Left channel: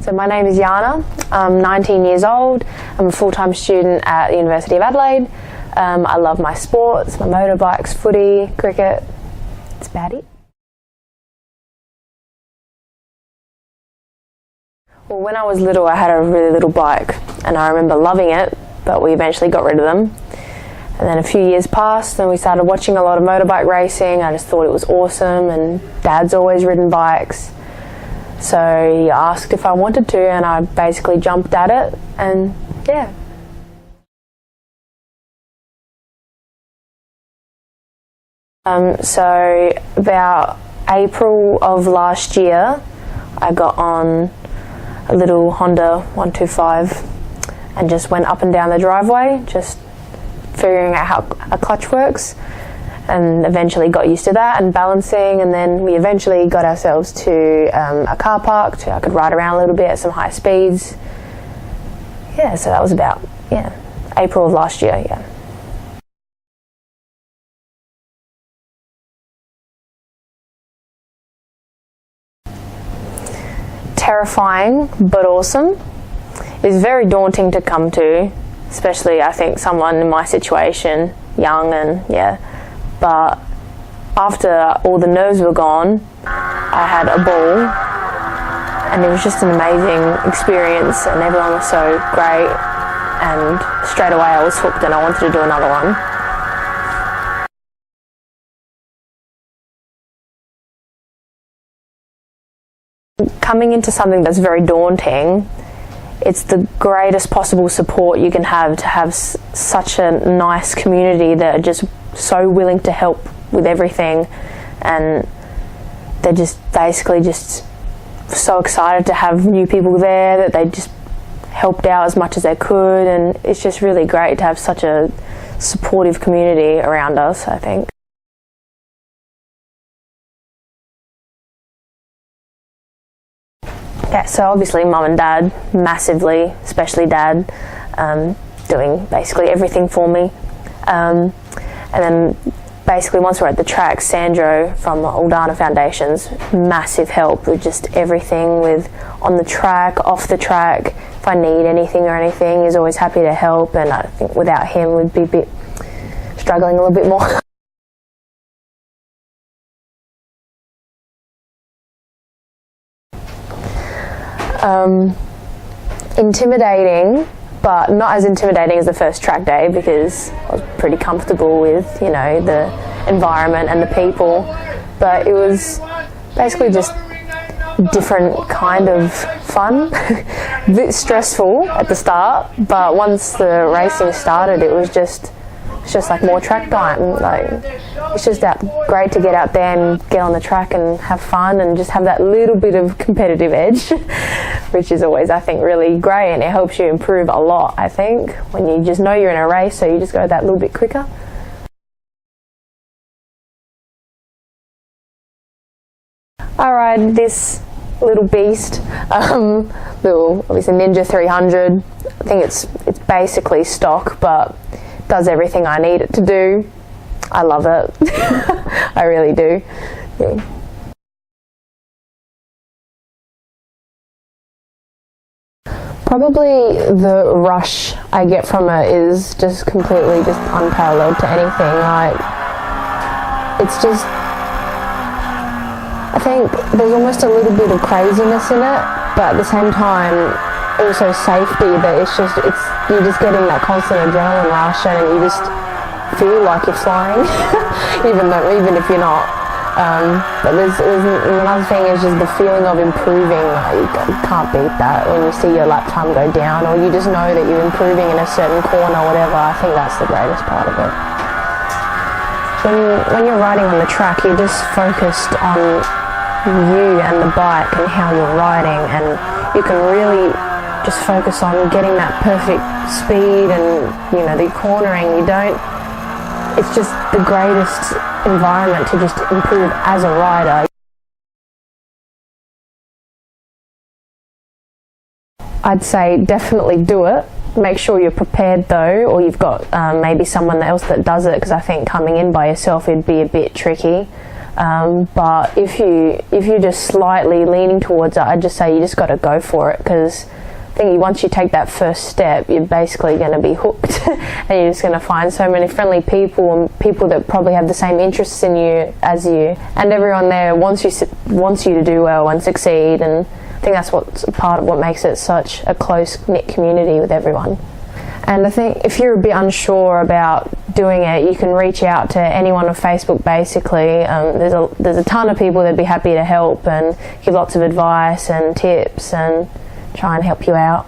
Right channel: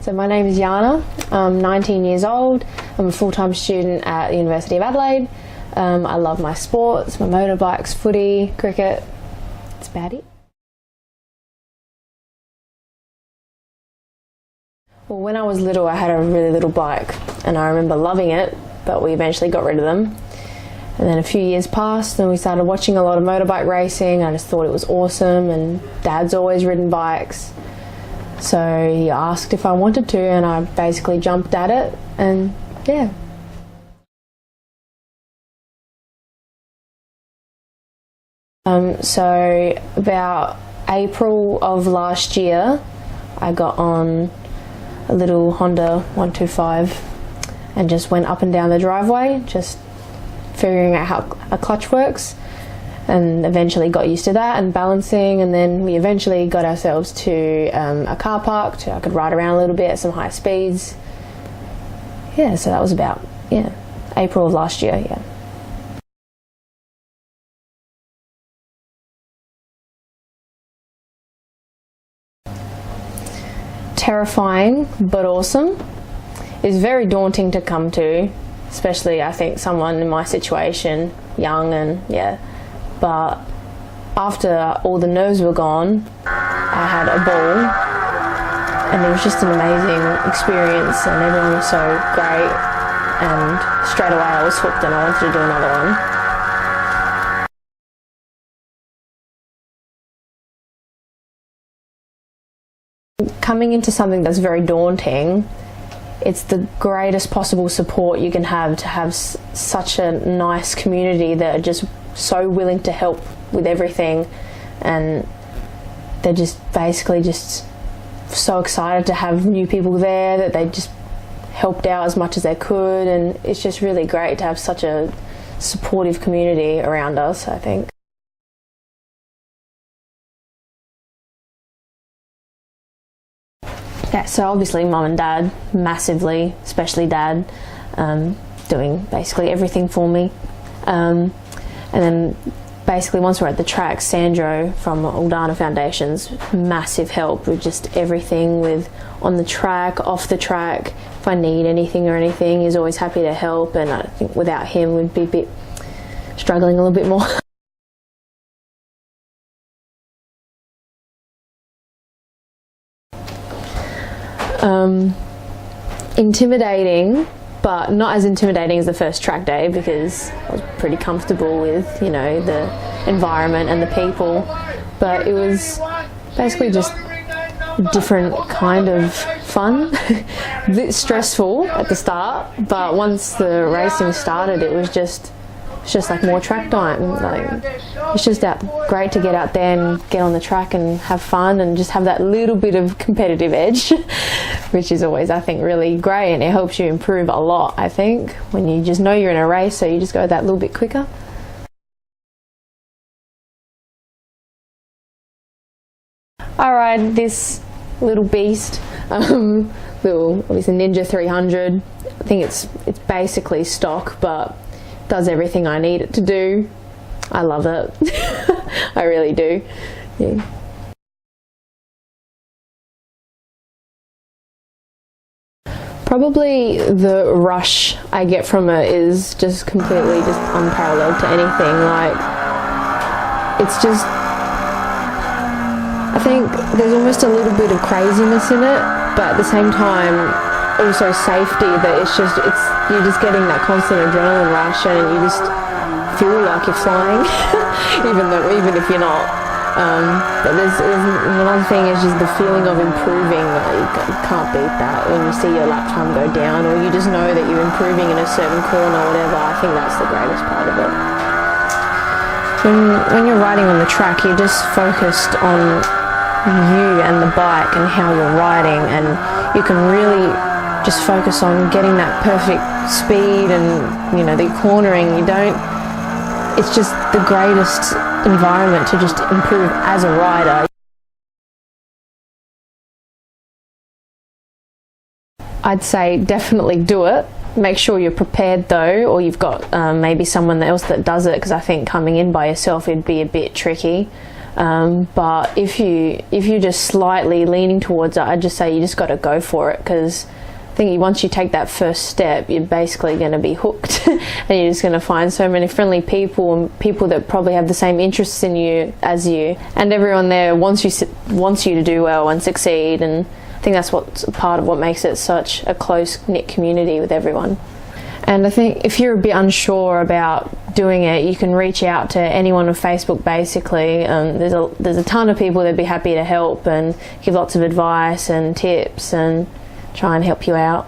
So my name is Yiana. I'm 19 years old. I'm a full-time student at the University of Adelaide. I love my sports, my motorbikes, footy, cricket. That's about it. Well, when I was little, I had a really little bike and I remember loving it, but we eventually got rid of them. And then a few years passed and we started watching a lot of motorbike racing. I just thought it was awesome, and Dad's always ridden bikes. So he asked if I wanted to and I basically jumped at it, and yeah. So about April of last year, I got on a little Honda 125 and just went up and down the driveway, just figuring out how a clutch works, and eventually got used to that and balancing, and then we eventually got ourselves to a car park so I could ride around a little bit at some high speeds. Yeah, so that was about, April of last year, yeah. Terrifying but awesome. It's very daunting to come to, especially I think someone in my situation, young, and but after all the nerves were gone, I had a ball and it was just an amazing experience, and everyone was so great, and straight away I was hooked and I wanted to do another one. Coming into something that's very daunting, it's the greatest possible support you can have, to have such a nice community that are just so willing to help with everything, and they're just basically just so excited to have new people there that they just helped out as much as they could, and it's just really great to have such a supportive community around us, I think. Yeah, so obviously Mum and Dad, massively, especially Dad, doing basically everything for me. And then basically once we're at the track, Sandro from Aldana Foundations, massive help with just everything, with on the track, off the track. If I need anything or anything, he's always happy to help, and I think without him we'd be a bit struggling a little bit more. Intimidating, but not as intimidating as the first track day, because I was pretty comfortable with, the environment and the people, but it was basically just a different kind of fun. A bit stressful at the start, but once the racing started, it's just like more track time. Like, it's just great to get out there and get on the track and have fun and just have that little bit of competitive edge, which is always, I think, really great, and it helps you improve a lot, I think, when you just know you're in a race, so you just go that little bit quicker. I ride this little beast, obviously Ninja 300. I think it's basically stock, but does everything I need it to do. I love it. I really do. Yeah. Probably the rush I get from it is just completely just unparalleled to anything. Like, it's just, I think there's almost a little bit of craziness in it, but at the same time also safety, that you're just getting that constant adrenaline rush, and you just feel like you're flying even if you're not. But there's another thing, is just the feeling of improving. You can't beat that when you see your lap time go down, or you just know that you're improving in a certain corner or whatever. I think that's the greatest part of it. When you're riding on the track, you're just focused on you and the bike and how you're riding, and you can really just focus on getting that perfect speed and the cornering. It's just the greatest environment to just improve as a rider. I'd say definitely do it. Make sure you're prepared though, or you've got maybe someone else that does it, because I think coming in by yourself it'd be a bit tricky. But if you're just slightly leaning towards it, I'd just say you just got to go for it, because I think once you take that first step, you're basically going to be hooked and you're just going to find so many friendly people and people that probably have the same interests in you as you, and everyone there wants you to do well and succeed. And I think that's what's part of what makes it such a close-knit community with everyone. And I think if you're a bit unsure about doing it, you can reach out to anyone on Facebook basically. There's a ton of people that'd be happy to help and give lots of advice and tips and try and help you out.